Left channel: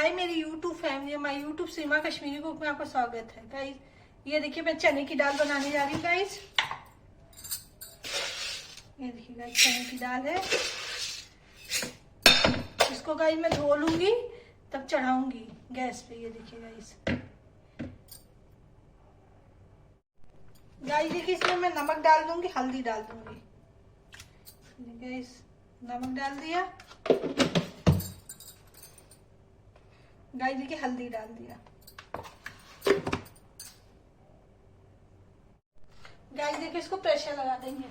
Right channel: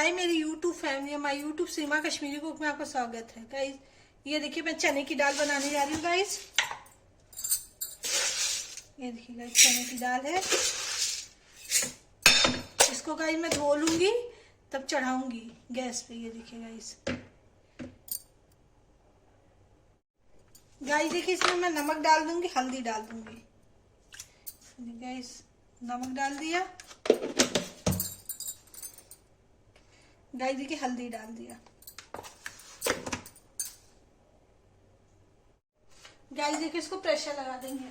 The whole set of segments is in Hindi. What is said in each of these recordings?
हाय मेरी YouTube family, my YouTube Seema Kashmiri cook में आपका स्वागत है गाइस। ये देखिए मैं चने की दाल बनाने जा रही हूँ गाइस। ये देखिए गाइस चने की दाल है। इसको गाइस मैं धो लूंगी तब चढ़ाऊंगी गैस पे। ये देखिए गाइस। गाइस देखिए इसमें मैं नमक डाल दूंगी, हल्दी डाल दूंगी। गाइस नमक डाल दिया। गाइस देखिए हल्दी डाल दिया। गाइस देखिए इसको प्रेशर लगा देंगे।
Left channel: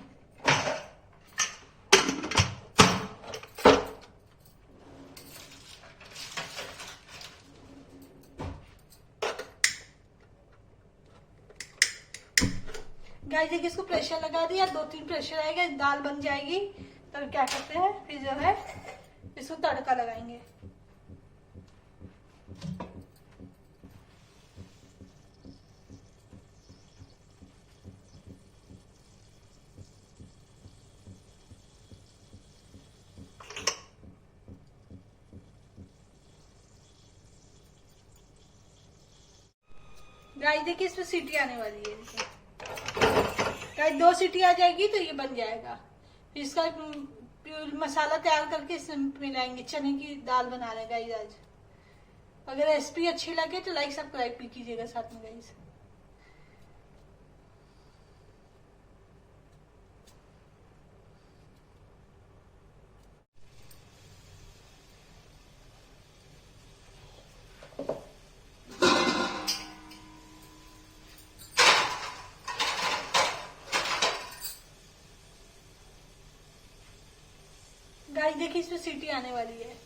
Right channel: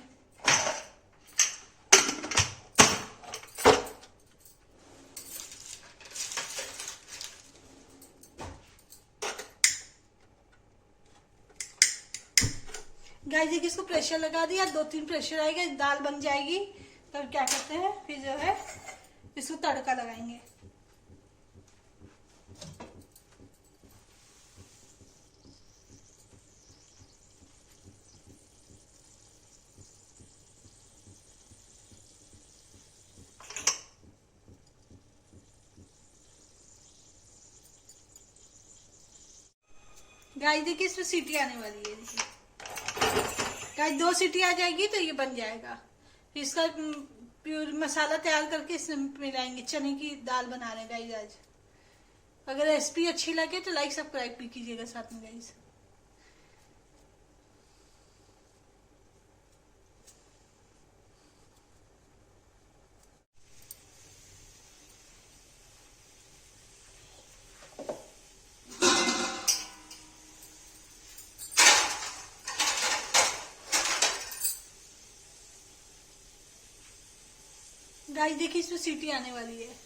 गाइस देखिए इसको प्रेशर लगा दिया, 2-3 प्रेशर आएगा, दाल बन जाएगी। तब क्या करते हैं फिर जो है इसको तड़का लगाएंगे। गाइस देखिए इसमें सीटी आने वाली है। गाइस 2 सीटी आ जाएगी तो ये बन जाएगा। फिर इसका प्योर मसाला तैयार करके इसमें मिलाएंगे। चने की दाल बना रहे हैं गाइस आज। अगर रेसिपी अच्छी लगे तो लाइक सब्सक्राइब भी कीजिएगा साथ में गाइस। गाइस देखिए इसमें सीटी आने वाली है।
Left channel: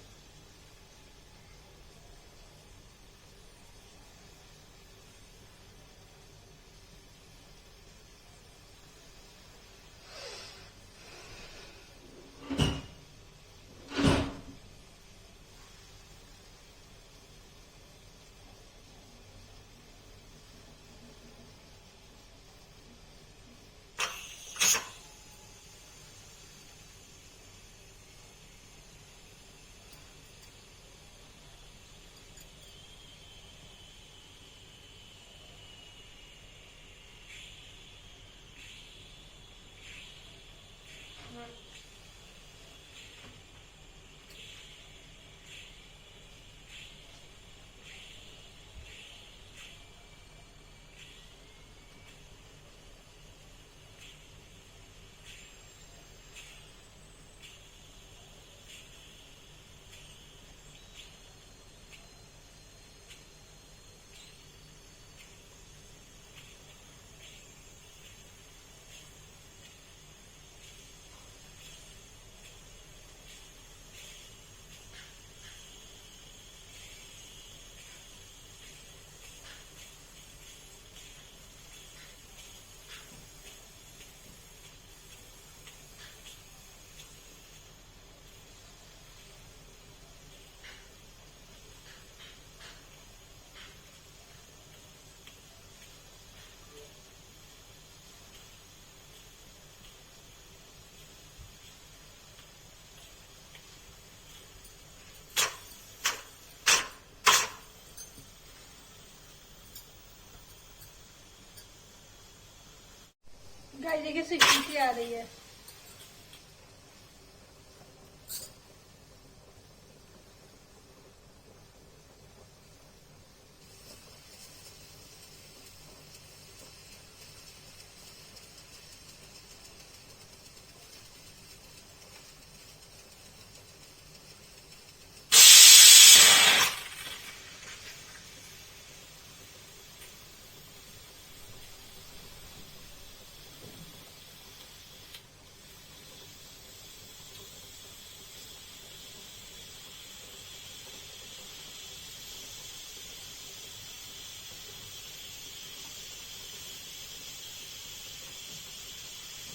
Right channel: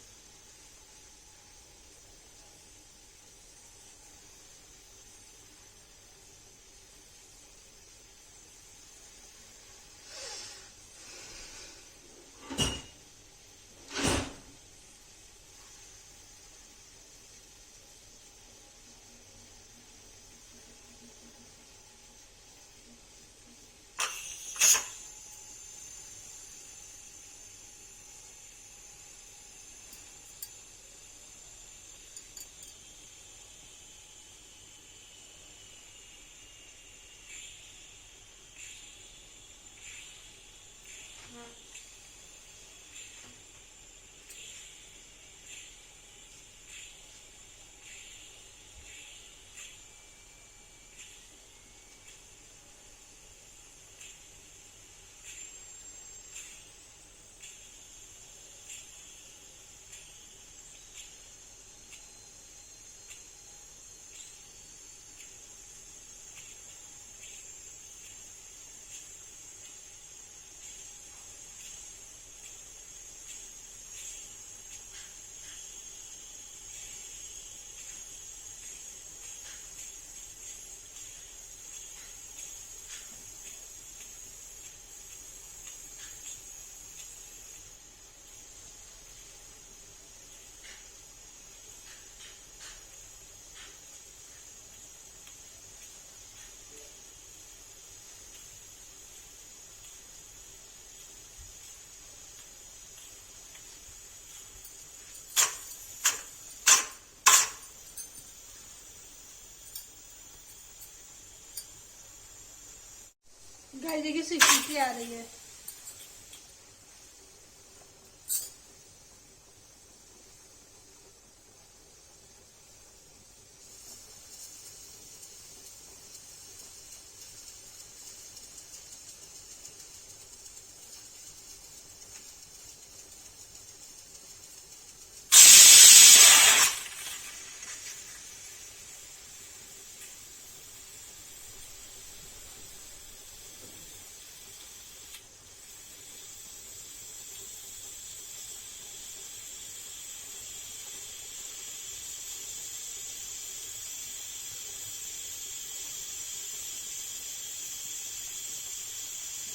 गाइस देखिए सीटी आ रही है।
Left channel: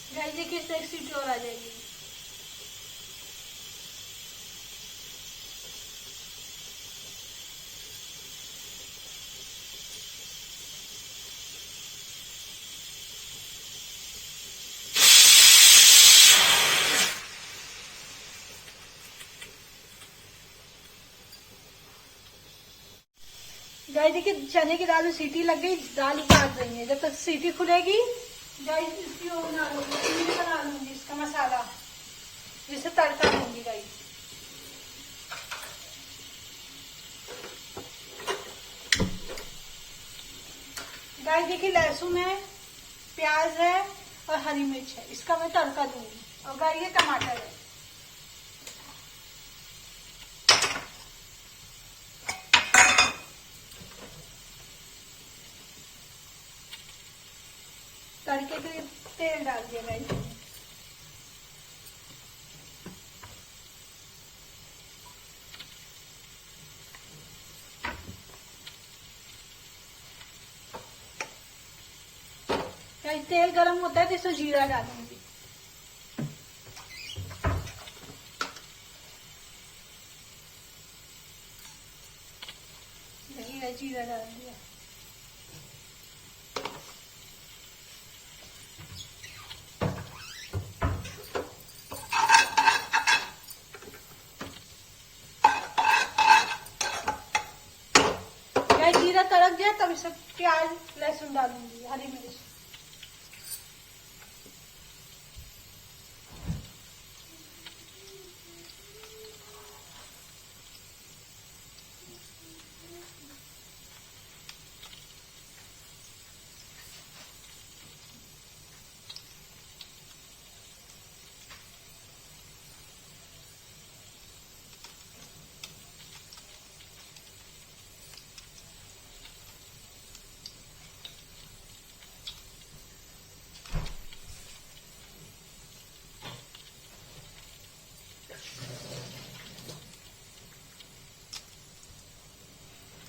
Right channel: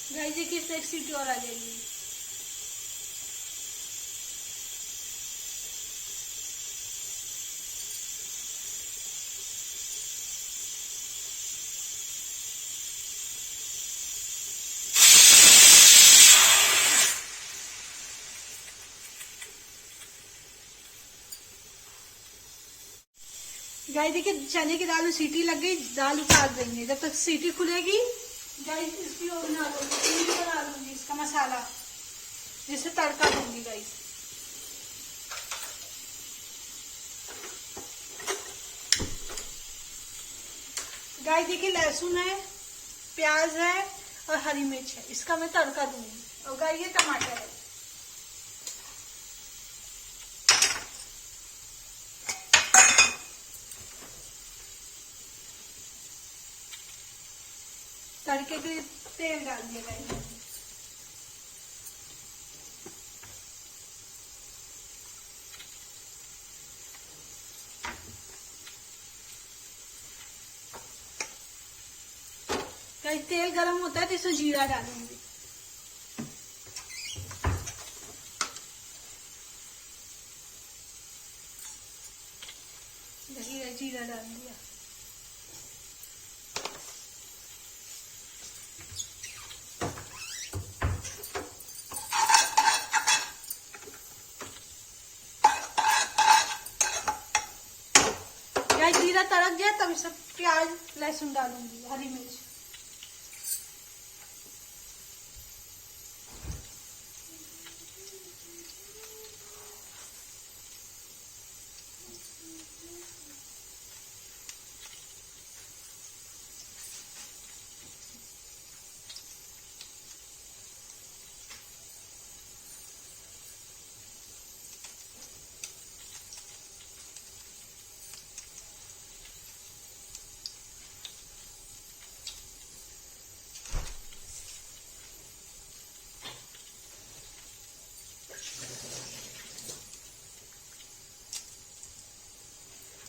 गाइस देखिए इस एक सीटी और आ जाएगी। गाइस देखिए चने की दाल में सीटी लग गई, दाल उतार देंगे। जब तक सीटी खुलेगी गाइस इसकी वो बना लूंगी, बना लूंगी इसका मसाला, जिसे तड़का दूंगी गाइस। गाइस देखिए लहसुन है, प्याज है और हरी मिर्च है, इसका मैं तड़का दूंगी। और गाइस ये टमाटर है। तड़के के तेल डाल दिया गाइस। गाइस तेल गरम होता है तो इसमें जीरा डालूंगी। जीरा डाल दिया। जीरा तड़क गया तब इसमें प्याज लहसुन डालूंगी, हरी मिर्च।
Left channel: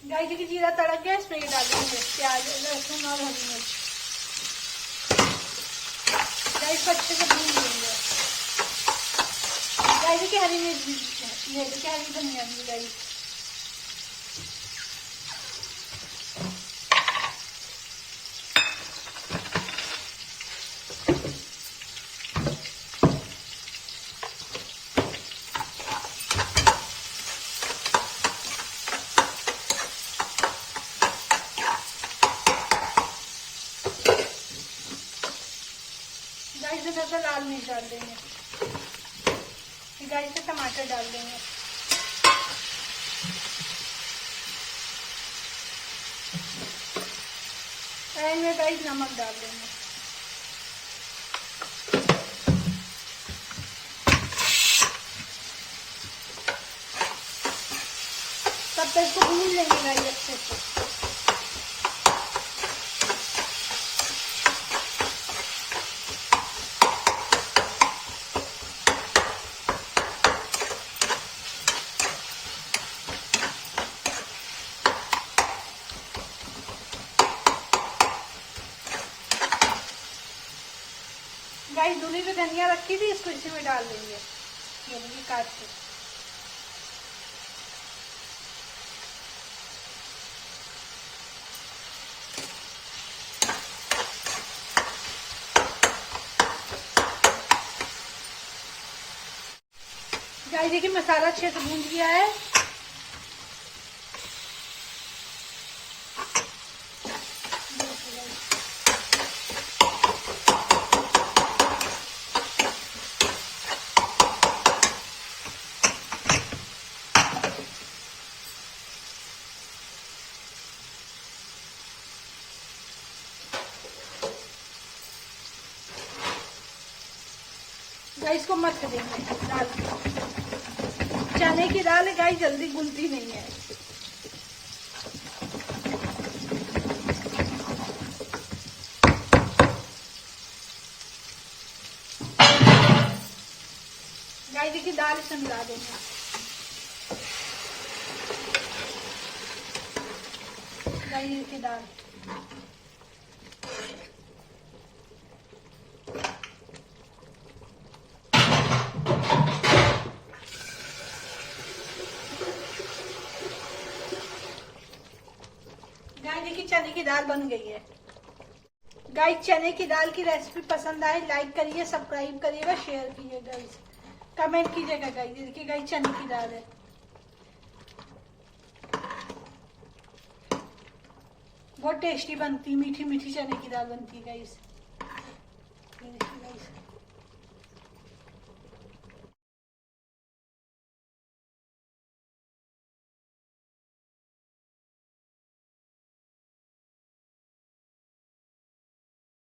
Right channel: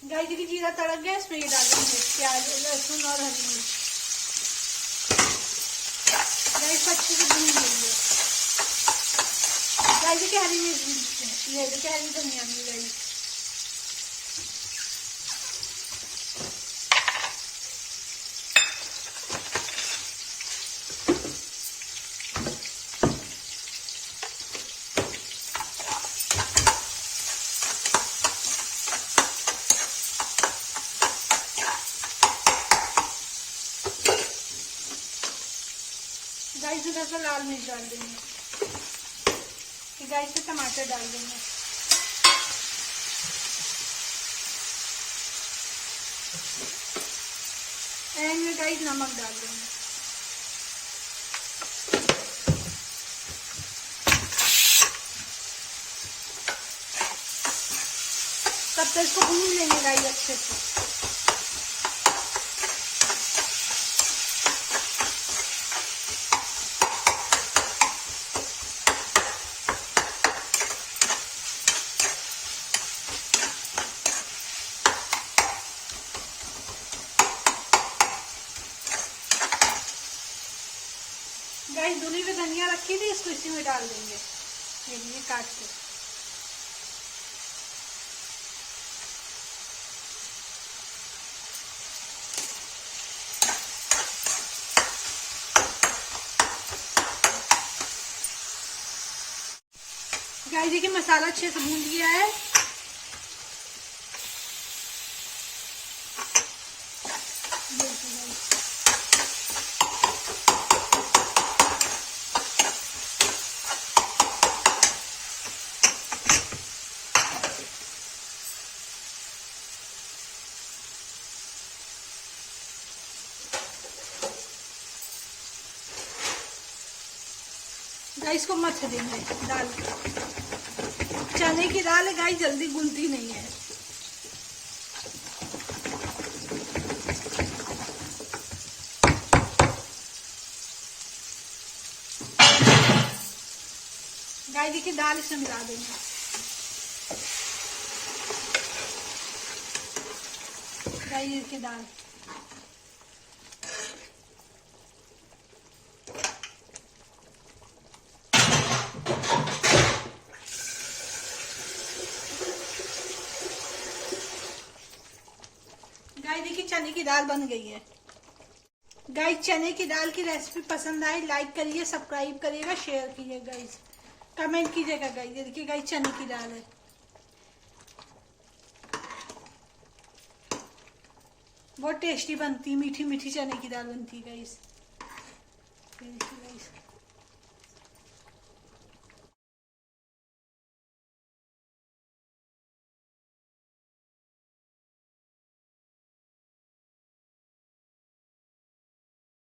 गाइस देखिए जीरा तड़क गया, इसमें ये डाल देंगे प्याज लहसुन और हरी मिर्च। गाइस को अच्छे से भून लेंगे। गाइस देखिए हरी मिर्च भी, ये देखिए हरी धनिया भी गाइस। गाइस इधर से लाल मिर्च डाल देंगे। गाइस से टमाटर डाल देंगे। एंड में गाइस नमक डाल देंगे। तब तक इसको भून लेंगे गाइस अच्छे से। गाइस धुनी की धनिया रखी थी, इसको इसी में डाल देंगे, ये काट के। गाइस देखिए मसाला अच्छे से भून गया है। गाइस को मथ देंगे दाल। चने की दाल है गाइस, जल्दी घुलती नहीं है। गाइस देखिए दाल इसमें मिला देंगे। गाइस की दाल चने की दाल बन गई है। गाइस चने की दाल की रेसिपी पसंद आए लाइक करिए, सब्सक्राइब करिएगा, शेयर कीजिएगा गाइस, कमेंट कीजिएगा गाइस। देखिए गाइस चने की दाल है। बहुत टेस्टी बनती है, मीठी मीठी चने की दाल बनती है गाइस। ये देखिए गाइस,